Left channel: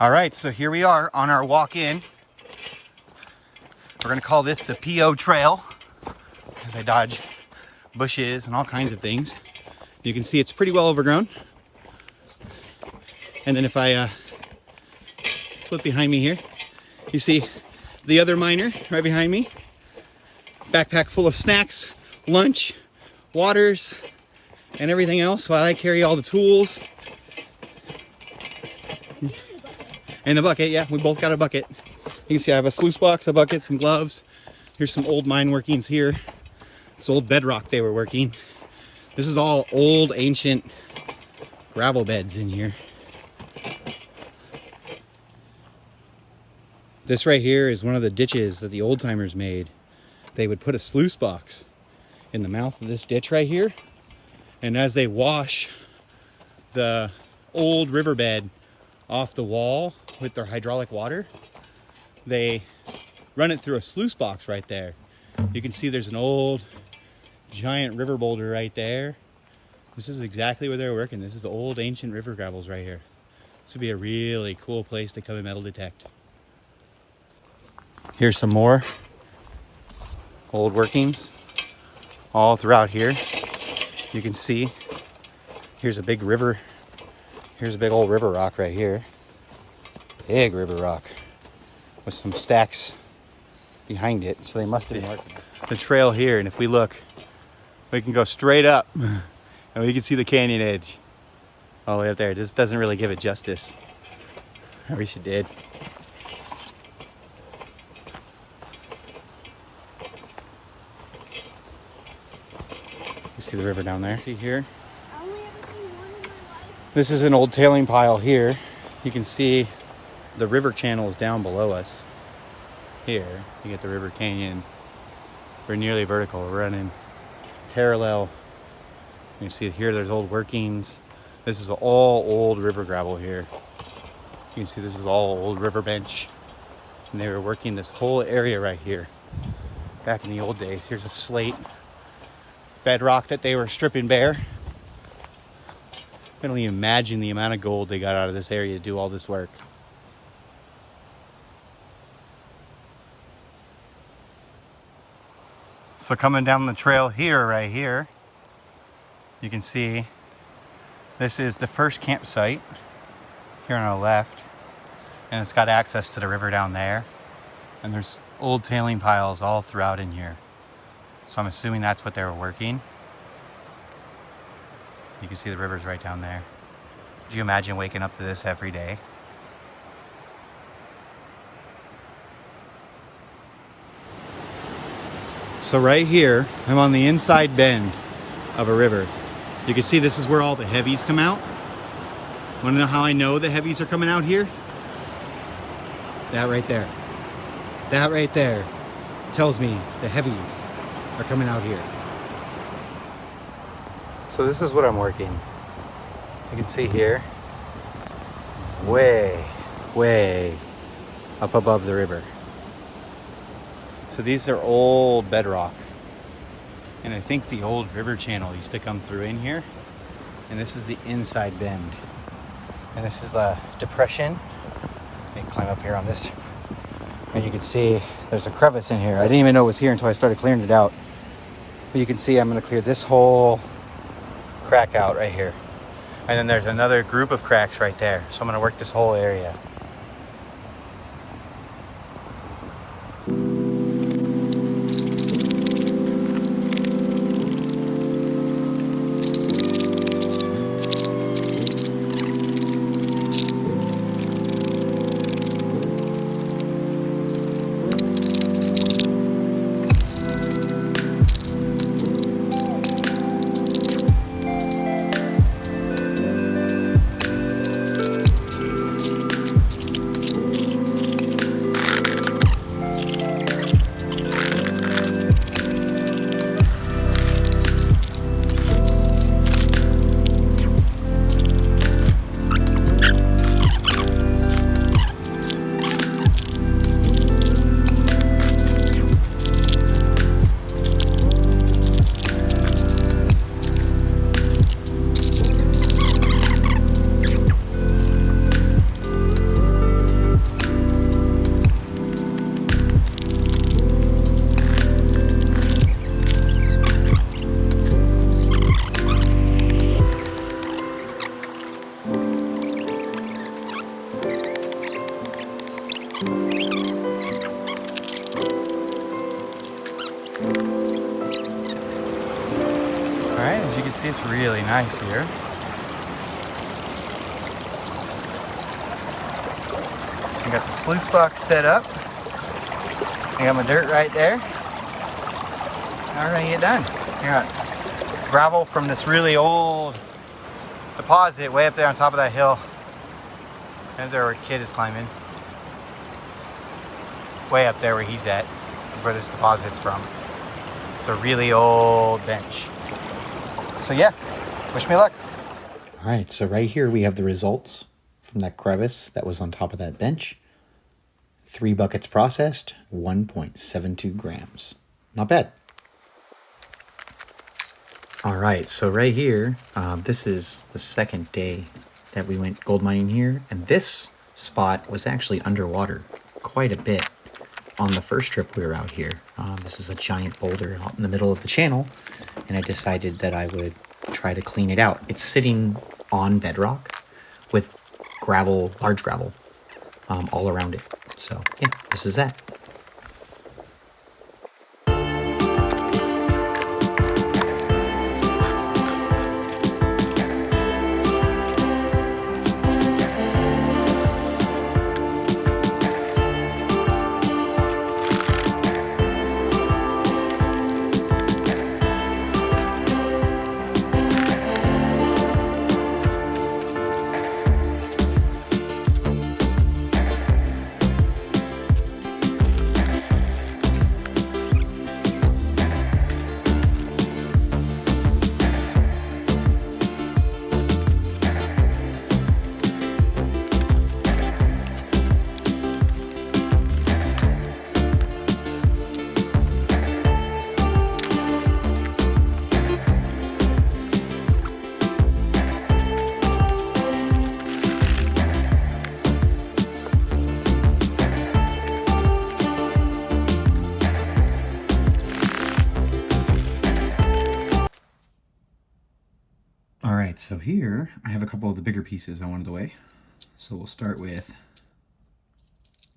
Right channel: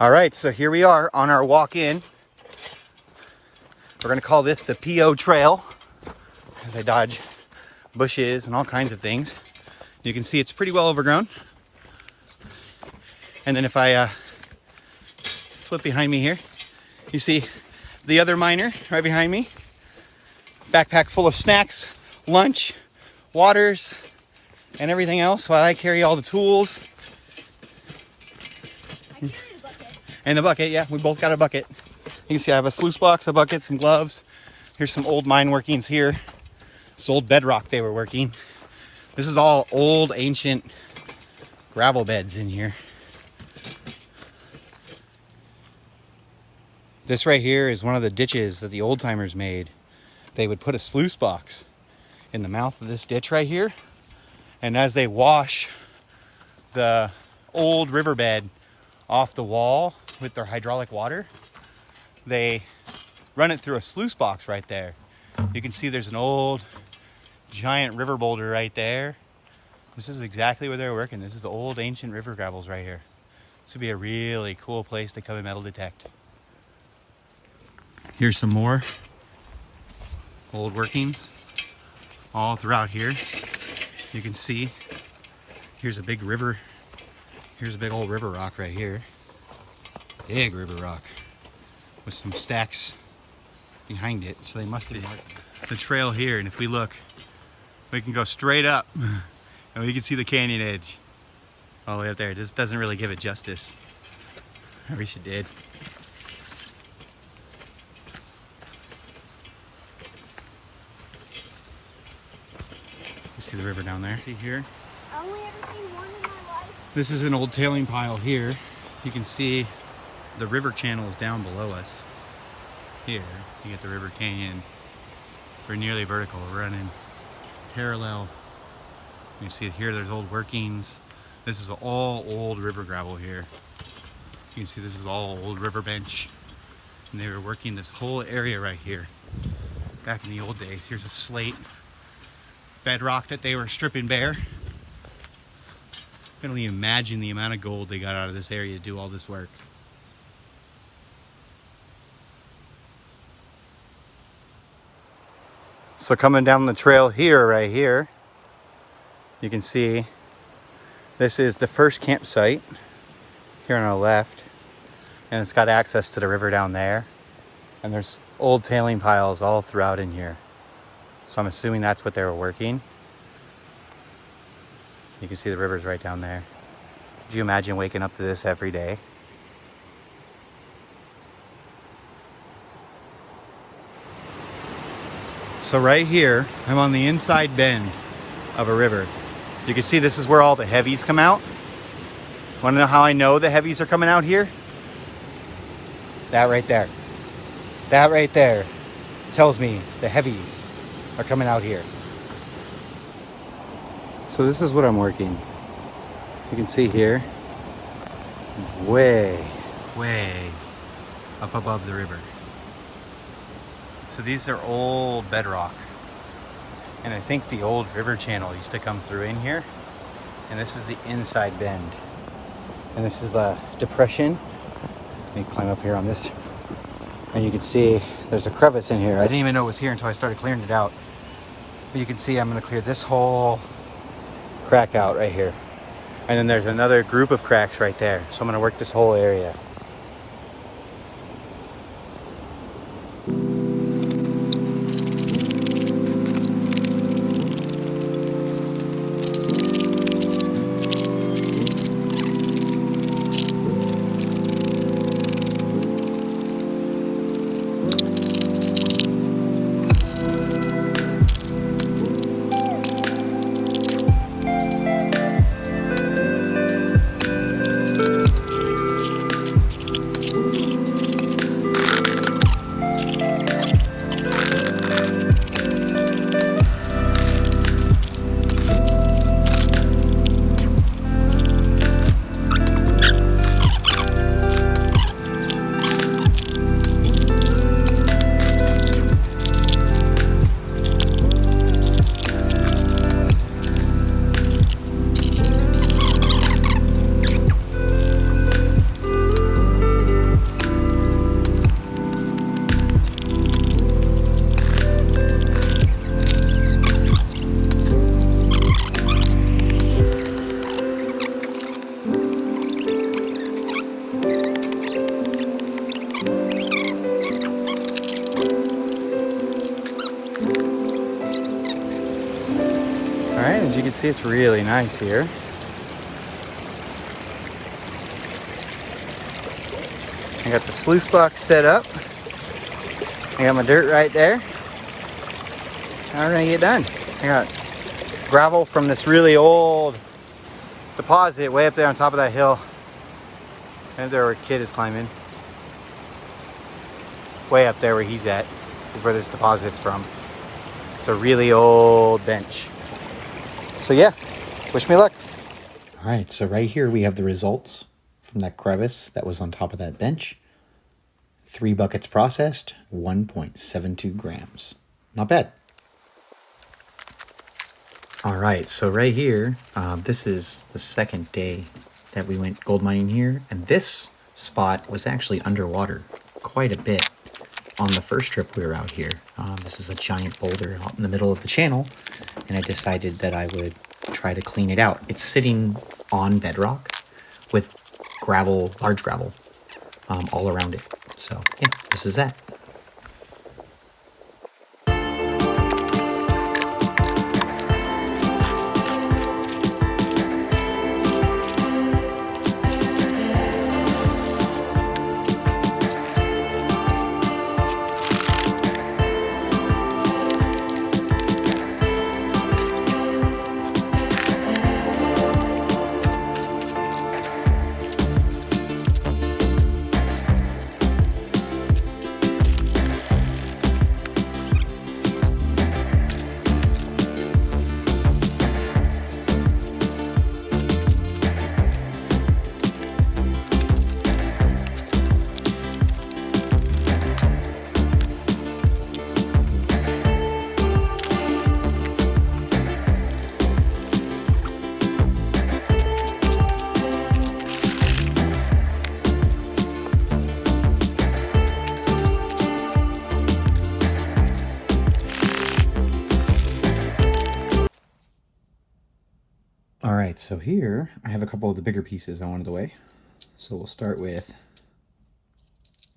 All right, so here we are on our walk in. We're gonna call this the PO Trail because I dodge bushes and all kinds of things. You can see it's pretty well overgrown. And then if I flip behind me here, you see the other miner right behind me. Backpack full of snacks, lunch, waters, and everything else while I carry all the tools. And a bucket, yeah, we both got a bucket. You can see I have a sluice box, a bucket, some gloves. Here's some old mine workings here. This old bedrock they were working. This is all old, ancient gravel beds in here. This right here is one of the ditches that the old timers made. They would put a sluice box in the mouth of this ditch right here. And as they wash the old riverbed off the wall with their hydraulic water, they run it through a sluice box right there. You can see there's an old giant river boulder right there. This is exactly where they're working. This is the old ancient river gravels right here. This would be a really cool place to come and metal detect. Here's some more old workings all throughout here. You can see here's a big river. Here's a big old river rock right here. Big river rock with some stacks behind it. So they must be marking the trail here. And if we look, we can go straight up and we can see the canyon edge all the way up there. This doesn't really give it justice. I wish it did. You see the river down there? See here? I only ever seen one in my life. This is an old tailing pile here. You can see the river channel is down below us. Here, you get the river canyon. We're nearly vertical. We're running parallel. You see it here, there's old workings. This is all old river gravel here. You can see this is all old river bench. And they were working this whole area right here. Back in the old days. Here's a slate bedrock that they were stripping bare. I don't even imagine the amount of gold they got out of this area to do all this work. So coming down the trail here, right here, you can see this is the first campsite here on the left, and it's got access to the river down there, and there's old tailing piles all throughout in here. So I'm assuming that's what they were working. You can see the river's right down there. Could you imagine waking up to this every day? So right here, I'm on the inside bend of a river. You can see this is where all the heavies come out. Want to know how I know the heavies are coming out here? That right there. That right there tells me the heavies are coming out here. So this is what I'm working. You can see here, way, way up above the river. So these are old bedrock. And I think the old river channel used to come through in here. And this is the inside bend. And this is a depression. I think climb up here on this. And you can see there's a crevice in here. I didn't even know it was here until I started clearing it out. But you can see I'm gonna clear this whole crack out right here. And then there's another group of cracks right there. So I'm gonna work this whole area. see it's really nice here. I got the sluice box set up. And my dirt right there. And we're gonna get done. I got gravel from this really old deposit way up there on top of that hill. Right there where a kid is climbing. Way up there where he's at is where this deposit's from. It's a really old bench. So yeah, wish me luck. All right, so right here we have the results from that crevice that was on top of that bench. 3 buckets processed, 1.72 grams. Not bad. All right, so right here, this is the second day that we went gold mining here, and this spot was actually underwater quite a bit on the first trip we were out here. This is a giant boulder out in the middle of the channel, and I decided that I would try to clean it out. It's sitting on bedrock with gravel, large gravel, all around it. So yeah, this is that. All right, so here I have a couple of the bigger pieces I wanted to weigh. So we'll start with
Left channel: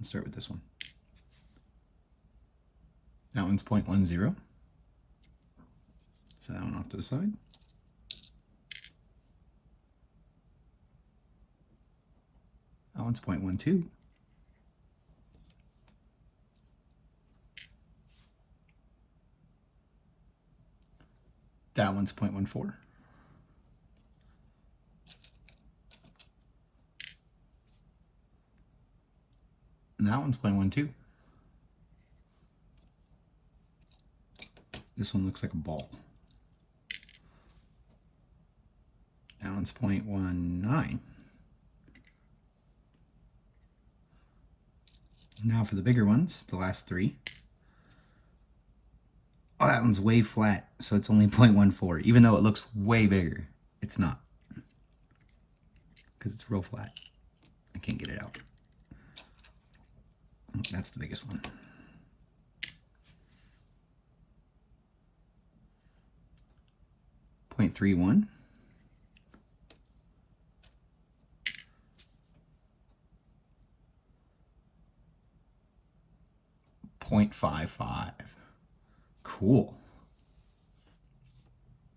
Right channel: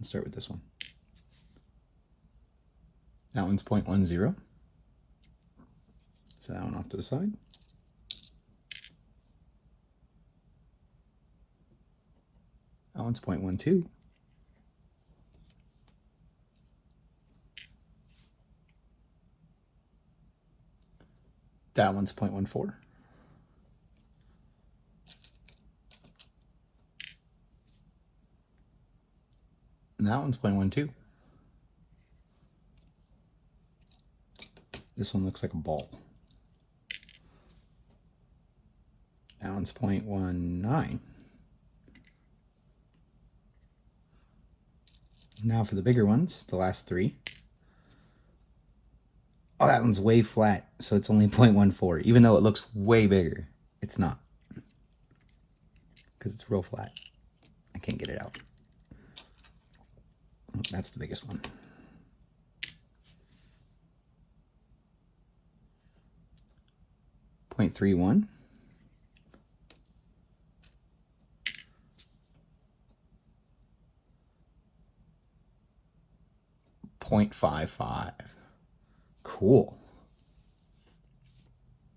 this one. That one's 0.10. So that one off to the side. That one's 0.12. That one's 0.14. And that one's 0.12. This one looks like a ball. That one's 0.19. Now for the bigger ones, the last 3. Oh, that one's way flat, so it's only 0.14. Even though it looks way bigger, it's not. Because it's real flat. I can't get it out. That's the biggest one. .31. .55. Cool.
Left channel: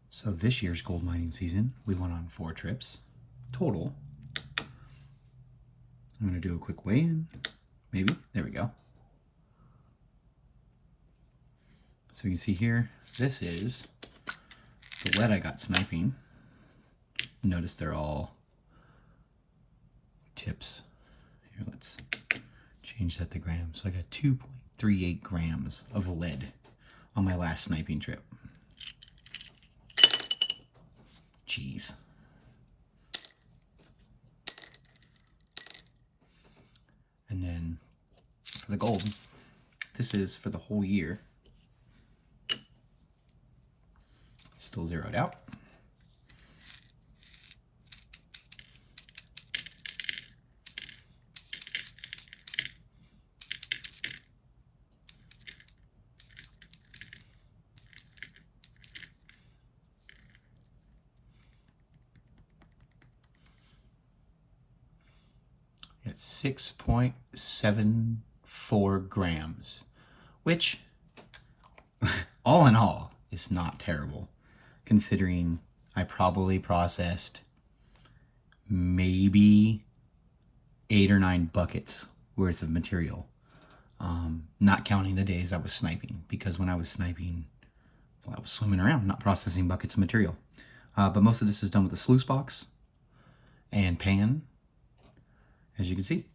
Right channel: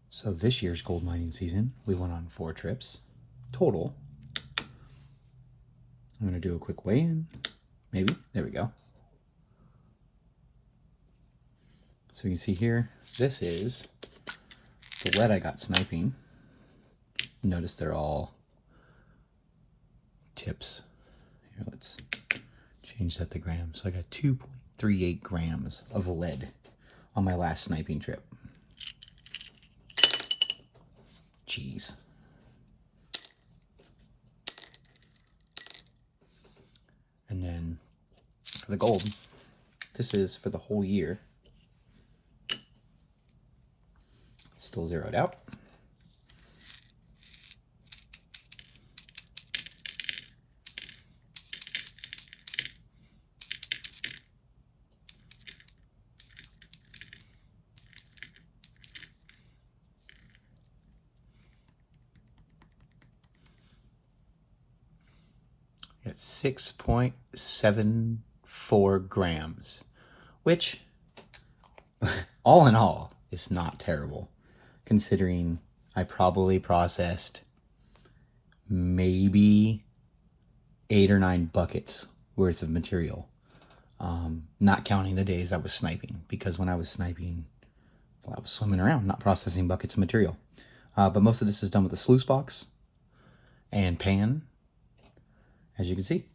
So this year's gold mining season, we went on 4 trips total. I'm going to do a quick weigh-in. Maybe. There we go. So you can see here, this is the lead I got sniping. Notice they're all tips. Here, let's change that to grams. So I got 2.38 grams of lead on my last sniping trip. Jeez. And then for the gold, this is for the whole year. Still zeroed out. It's 6.74 grams, which all in all is not terrible, considering I probably processed maybe 8 or 9 buckets worth of material. Not counting the days I was sniping, because when I was sniping, well, I was swimming around, not processing buckets of material. But most of this is done with a sluice box and pan, as you can see.